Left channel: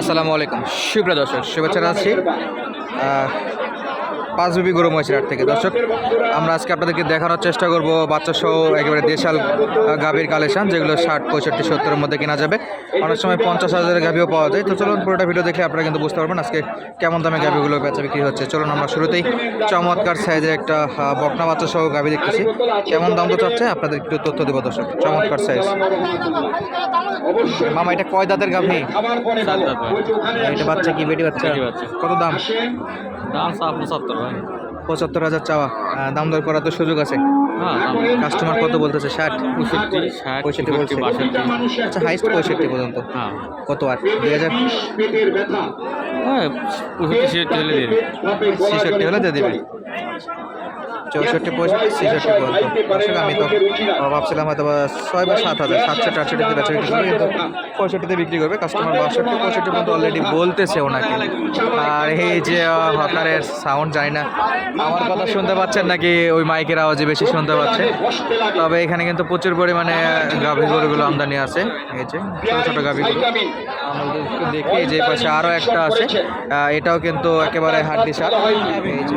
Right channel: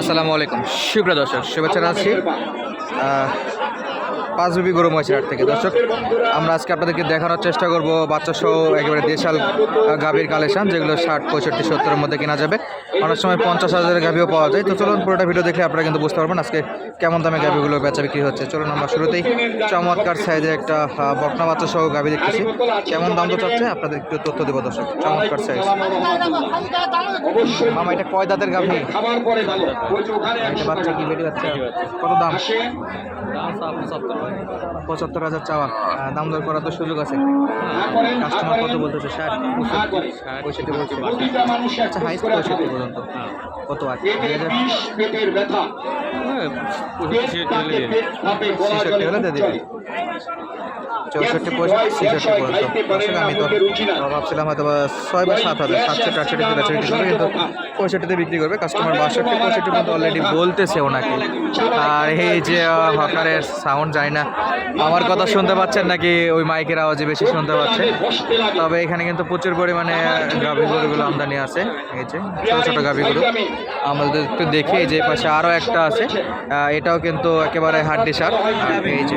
আসসালামু আলাইকুম। সুপ্রিয় দর্শক শুভেচ্ছা আছি পাঁচ বিবি গরু মহিষের থেকে। দর্শক আমরা আজকে আপনাদেরকে দেখানোর চেষ্টা করব বাচ্চা সহ একেবারে দেশাল গাভীর কালেকশন যেগুলো ষাট পঁয়ষট্টি সত্তরের মধ্যে কেনা যাবে। অনেক সময় পঞ্চাশ হাজারের গাভীও পাওয়া যায়। তো চলুন পুরোটা ভিডিও দেখে আপনারা কিন্তু বুঝতে পারবেন আজকে কেমন দামে গাভীগুলো বেচা বিক্রি হচ্ছে। চলুন আমরা শুরুতেই চমৎকার সাইজের একটা বকনা বাচ্চা সহ গাভী দেখতেছি। কেমন দাম তো চাচ্ছে? আপনাদের একটু তথ্য দেবো দর্শক। চমৎকার সাইজ মামা এটা কয় দাঁতের গাভী? এটা বাচ্চা কি? বেটি বাচ্চা? কত দাম? পঁচাত্তর হাজার চাওয়া। দাম দর করার তো সুযোগ আছে। কাস্টমার কত বলতেছে? ষাট পঁয়ষট্টি বলছে। আচ্ছা হাইস্ট পঁয়ষট্টি পর্যন্ত। কত আর? দুই হাজার? ব্যথা হ্যাঁ ছেষট্টি হলে দিয়ে দিবে। চৌষট্টি ছেষট্টি পর্যন্ত। দর্শক, আমি তো ভাবছিলাম হয়তো ছয় বা সাত হাজার সাতষট্টি আটষট্টিতে বেচা বিক্রি করবে কিন্তু পঁয়ষট্টিতে বিক্রি করবে। কাস্টমার বাষট্টি, পঁয়ষট্টি পর্যন্ত অলরেডি বলতেছে ওনাকে। আর এই যে হকারের সাউন্ড জানি না, আমার কথা শুনতে পাচ্ছেন নাকি ওই মাইকের আওয়াজে বেশি শুনতে পাচ্ছেন? তবে এখানে কিন্তু প্রচুর পরিমাণে গাভী গরুগুলো আমদানি আছে। এই যে, ছোটো ছোটো গাভীগুলো। যদি একটু দেখি এই যে পাশে আরও একটা আছে এটাও কিন্তু একেবারে হাড্ডি সার। এই যে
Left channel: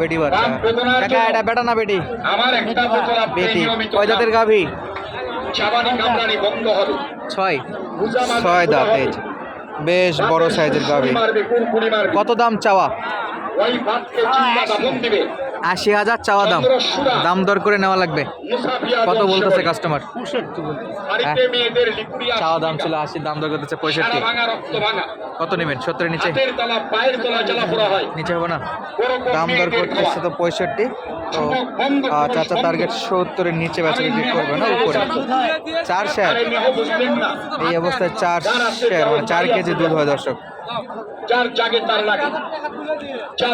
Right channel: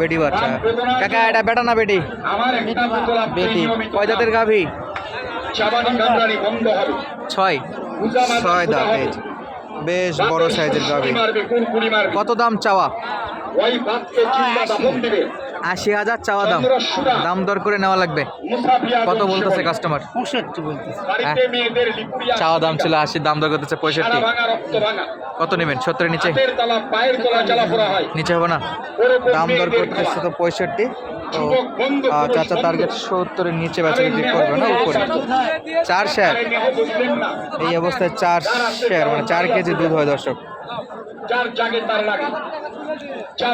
বেটি বাচ্চা। কাকা, এটা বেটা না বেটি? বেটি। কয় জাতের গাভী? ছয়। ছয় দাঁত। বেশ বড় সাইজের গাভী। কত দাম চাওয়া? আশি হাজার চাওয়া দাম। দাম দর করে নেওয়া লাগবে। কত বলতেছে কাস্টমার হ্যাঁ। চাওয়া দাম ছিল আশি, দাম দর করতেছে পঁয়ষট্টি। কত নেবেন? সত্তরের নিচে? নিচে হবে না? দাম দর করতেছে তো পঁয়ষট্টি। তো চাচা টার্গেট সত্তরের নিচে বেচা বিক্রি করবে না উপরে? চার শেয়ার এই অবস্থায় চার শেয়ার মানে চার কেজি দুধ হয় দর্শক। চার জাগে তার লাগে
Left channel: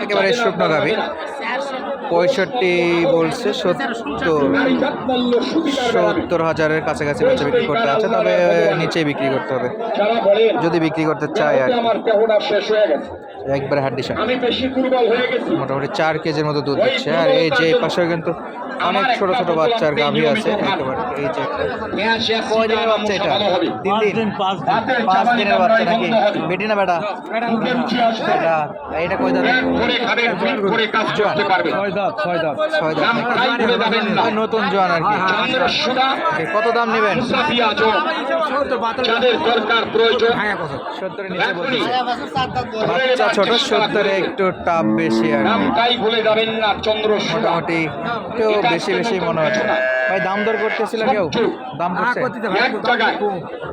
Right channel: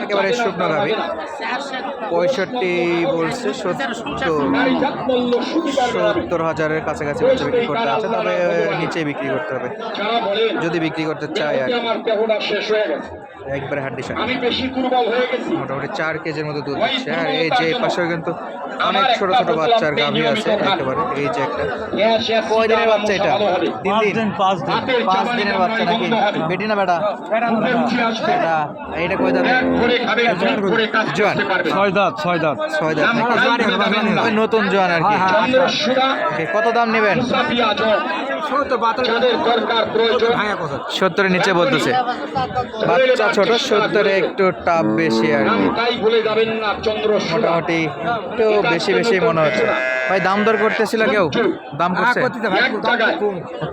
একেবারে শুকনো না। পঁয়ষট্টি বলছে সত্তর। সত্তর হাজারের কাছাকাছি বেচা বিক্রি করতে। আছে তবে নিচে বিক্রি করতে হবে। যদি বিক্রি করতে চায় আর কি। আমার শেষ হয়ে গেছে। একবারে হাড্ডি সার আমি বেশি দুর্বল হয়ে গেছি। মোটামুটি চার কেজির মতো দুধ দিচ্ছে। আর এই যে এই পাশেও কিন্তু অনেক ছোট ছোট বাচ্চার গাভী আছে একেবারে। এই যে একটা কয় দিনের বাচ্চা এটা? তিন দিন। পাঁচ দিন। পাঁচ দিনের বাচ্চা নাকি? বেটি না বেটা। এটা এইটা কয় দাঁত। ছয় দাঁত ছয় দাঁত। ছয় দাঁত নতুন জোয়ান আর কি। কত দাম নেবেন? সত্তরের নিচে বলতেছে। বাচ্চা ছোট সত্তরে একটু টাপ বেশি আর কি। মোটামুটি একটু বেশি বেশি মনে হচ্ছে। ভাই দাম দর করতেছিল কেউ? দাম করছে?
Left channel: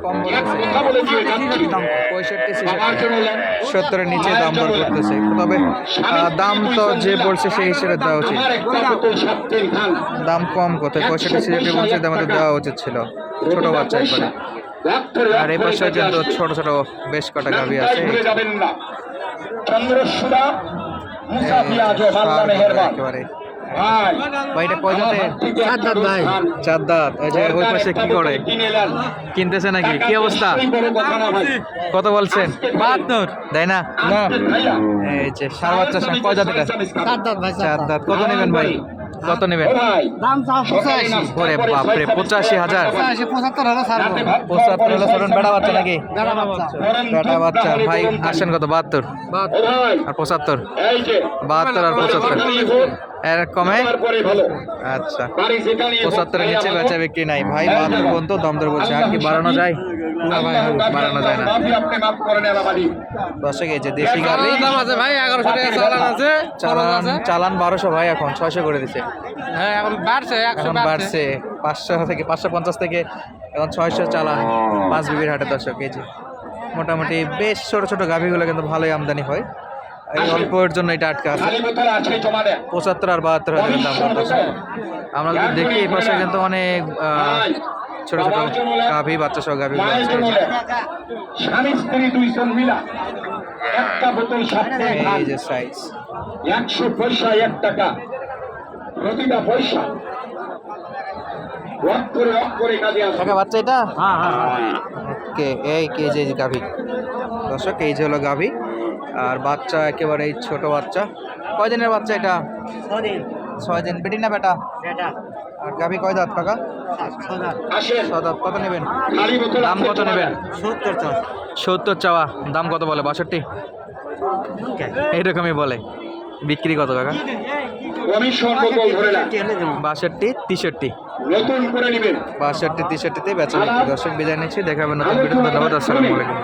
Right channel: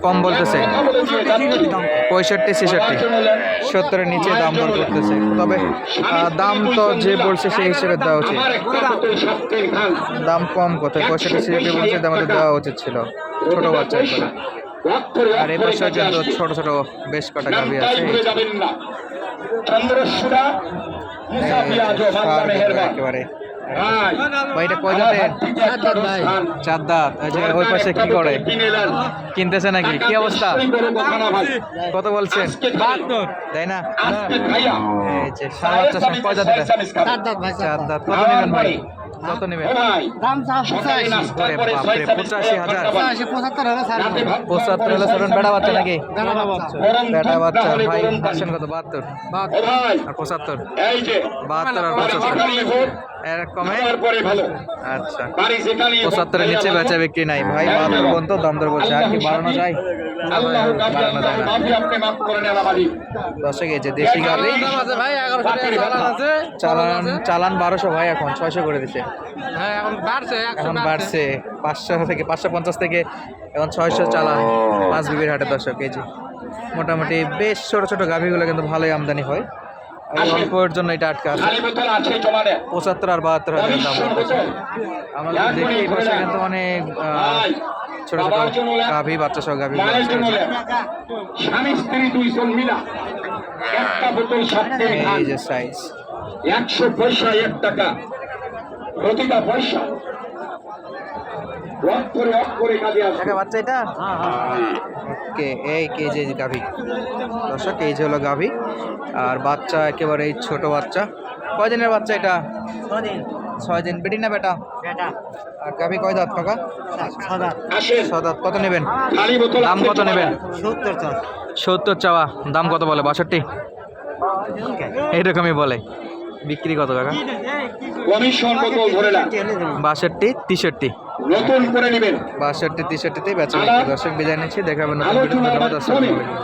কম বলতেছে। পঁয়ষট্টি ছেষট্টি। সত্তরের নিচে দাম দর করতেছে। তবে দাম তো যে বলছে সেই হিসেবে দেওয়া উচিত। দাম। কম কোথায়? পঁয়ষট্টি ছেষট্টি বলছে তো দেওয়া উচিত ছিল। ছোট বাচ্চা একবারে আর এই কাজে কিন্তু ছোট ছোট বেশ কটা গাভী আছে। একেবারে। কয় দাঁতের। চার দাঁত ওই পাশে কি করে? কিনতেছে নাকি? কি অবস্থা। কত বলছেন? তাই না? আজকে খাইয়া, এই যে সার বাচ্চা কয় দাঁত এটা সাত দাঁত ভাই, চার দাঁত। কত নেবেন ভাই? কত নেবেন। দাম পঁচাশি। ওরে বাপরে পঁচাশি হাজার। পঁচাত্তর হাজার বেড়া বাচ্চা নাকি? বেড়া বাচ্চা। ভাই আসেন কত? বাহাত্তর। আর পঁচাত্তর? বাহাত্তর আর পঁচাত্তর। এর কমে। আচ্ছা। পঁচাত্তরের নিচে। বেচা বিক্রি নাই। ভাই বাহাত্তর পর্যন্ত দাম দর বলছে। আর কি বাড়ানো যায়? দশে গেছে দেশি চালান চালান চালান বারোশো ভাই এখন ছয়শো করে দিছে। হ্যাঁ এখন বাড়ছে পাঁচশো থেকে পাঁচশো পঞ্চাশ থেকে এখন ছয়শো চালান পাঁচ বিবির হাটে দশক কেজি। মোটামুটি বেশ ছোট ছোট গাভিগুলো কিন্তু ভালোই আমদানি হয়। এই অল্পের জন্য এটা আটকা আছে। পঁচাত্তর আর বাহাত্তর হাজারের দাম আমরা দেখি এই পাশে কিন্তু অনেক ছোট ছোট গাভি বাচ্চা সহ মায়ের আছে। স্বামী স্ত্রী দুইজন মিলা। একটা বোতল খান এই যে সাইজ একশো পয়সা এক টাকা। প্রতিটা পয়সা। ওয়াক করে অফ করে কাজে আসবে। টাকা বাচ্চা এটা? ওকে এই কেজি গাভি। দর্শক এই যে হলো গাভি। আর বাচ্চা একেবারে ছোট বাচ্চা। কয় দিনের বাচ্চা এটা? ছয় দিন বেটি না বেটা। আর গাভি কয় দাঁত কাকা? দাঁত। কত নেবেন? দাম কত নেবেন? সত্তর চাষ সত্তর চাওয়া। দাম কত বলে? বাষট্টি? এইরকমই বলে। বিক্রি কত কাকা? বাষট্টি তেষট্টি। নতুন করে নেবেন। বাষট্টি তেষট্টিতেই বেচা বিক্রি। দর্শক বিদায় নিচ্ছি। দেখাবেন নতুন ভিডিও ধন্যবাদ। আসসালামু আলাইকুম।